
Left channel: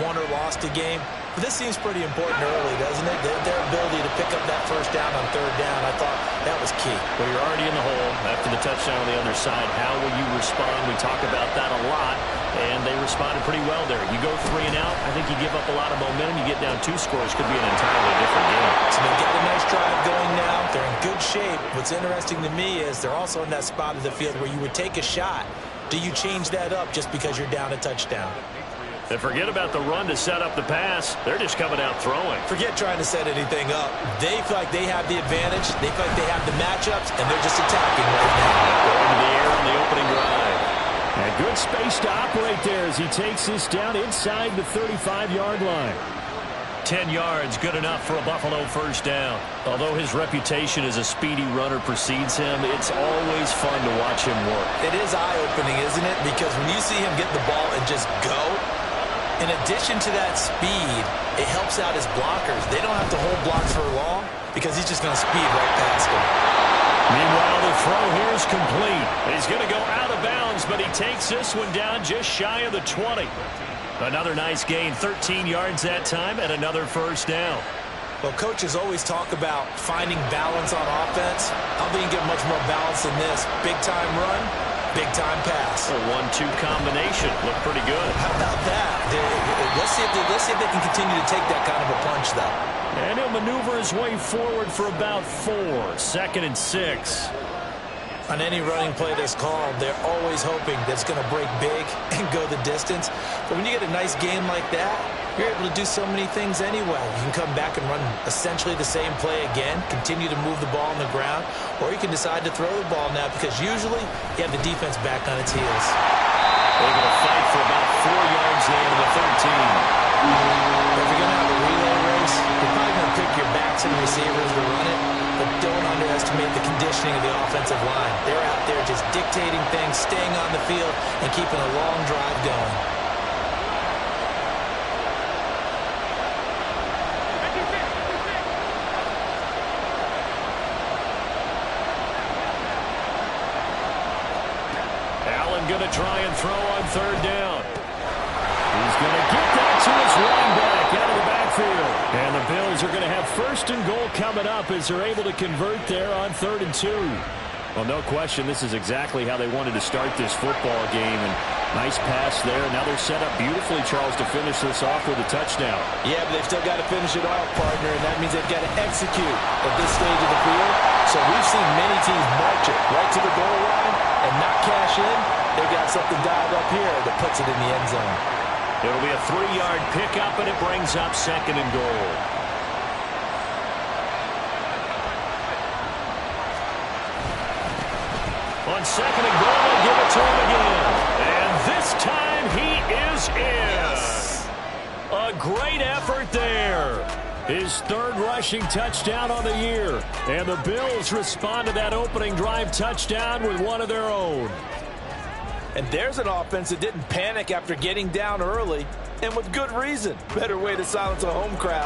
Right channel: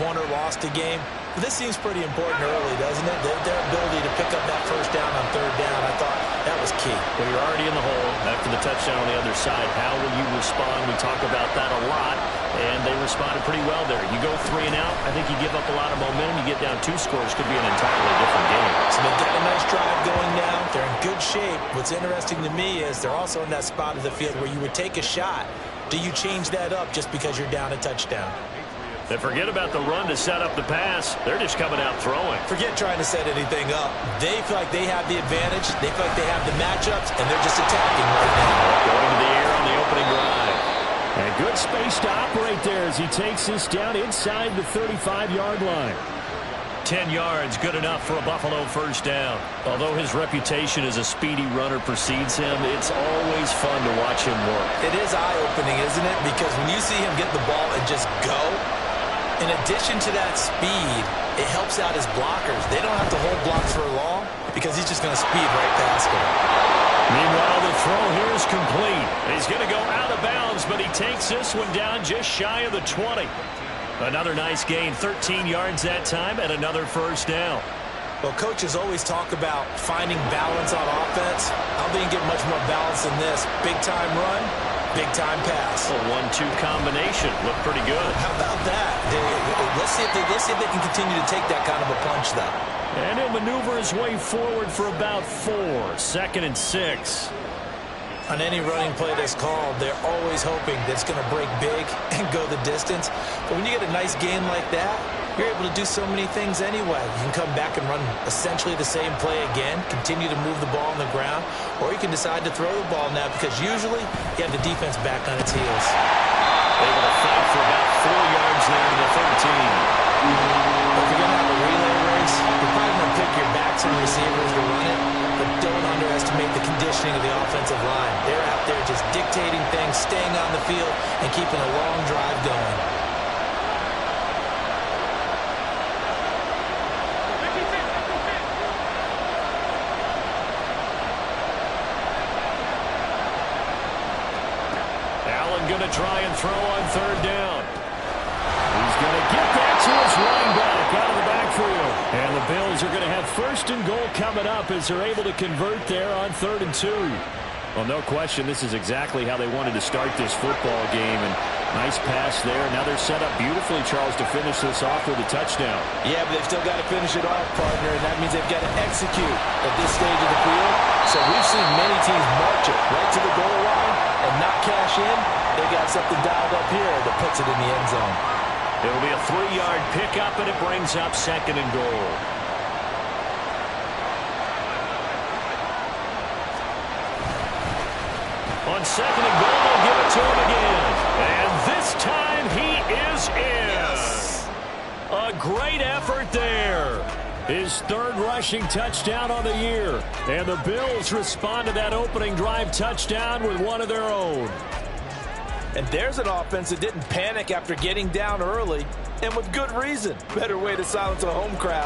won or lost a game. But this seems pretty important early, doesn't it? Their ability to pick up that 1st down on 3rd down, I thought that was key. Well, you're already in the hole after the touchdown on the other side. How will you respond? We talk about that a lot, and they responded pretty well there. You go 3 and out, I think you give up a lot of momentum. You get down 2 scores, could be an entirely different game. So they've got a nice drive going now. They're in good shape. What's interesting to me is they're also in that spot of the field where you would take a shot. Do you change that up just because you're down a touchdown? And forget about the run to set up the pass. They're just coming out throwing. Forget trying to set anything up. They feel like they have the advantage. They feel like they have the matchups, and they're just attacking right now. Going to the air on the opening drive. And good space to operate there as he takes this down inside the 35-yard line. 10 yards, good enough for a Buffalo 1st down. Although his reputation as a speedy runner precedes him, it's always fun to watch him work. It is eye-opening, isn't it? Because when you see him get the ball and just go, in addition to that speed, it helps out his blockers. They don't have to hold blocks for long because he's just going to speed right past them. Meanwhile, the throw here is complete. He's going to go out of bounds, but he takes this one down just shy of the 20. Another nice gain, 13 yards that time, and another 1st down. Well, coaches always talk about finding balance on offense. I don't think you get much more balance than this. Big-time run, big-time pass. A 1-2 combination. Looked pretty good. How about that? Let's see if they can continue to take that kind of a punch, though. And he'll maneuver his way forward for about 4. 2nd and 6. On any running play that's called, they're always hoping that it's going to break big and go the distance. But when you get a nice gain like that, you're able to do so many things anyway. You can come back and run essentially the same play again, continue to move the ball on the ground, or you can decide to throw the ball now because usually you have the defense back on its heels. Able to fight for about 4 yards there to the 13. But if you're going to have a relay race, you're probably going to pick your backs and receivers to run it, but don't underestimate the conditioning of the offensive line. They're out there just dictating things, staying on the field, and keeping a long drive going. Allen going to try and throw on 3rd down. He's going to get that to his running back out of the backfield. And the Bills are going to have 1st and goal coming up as they're able to convert there on 3rd and 2. Well, no question, this is exactly how they wanted to start this football game. And nice pass there. Now they're set up beautifully, Charles, to finish this off with a touchdown. Yeah, but they've still got to finish it off, partner, and that means they've got to execute at this stage of the field. So we've seen many teams march it right to the goal line and not cash in. They got something dialed up here that puts it in the end zone. It'll be a 3-yard pickup, and it brings up 2nd and goal. On 2nd and goal, they'll give it to him again. And this time he is in. Yes. A great effort there. His 3rd rushing touchdown on the year. And the Bills respond to that opening drive touchdown with one of their own. And there's an offense that didn't panic after getting down early, and with good reason. Better way to silence a home crowd.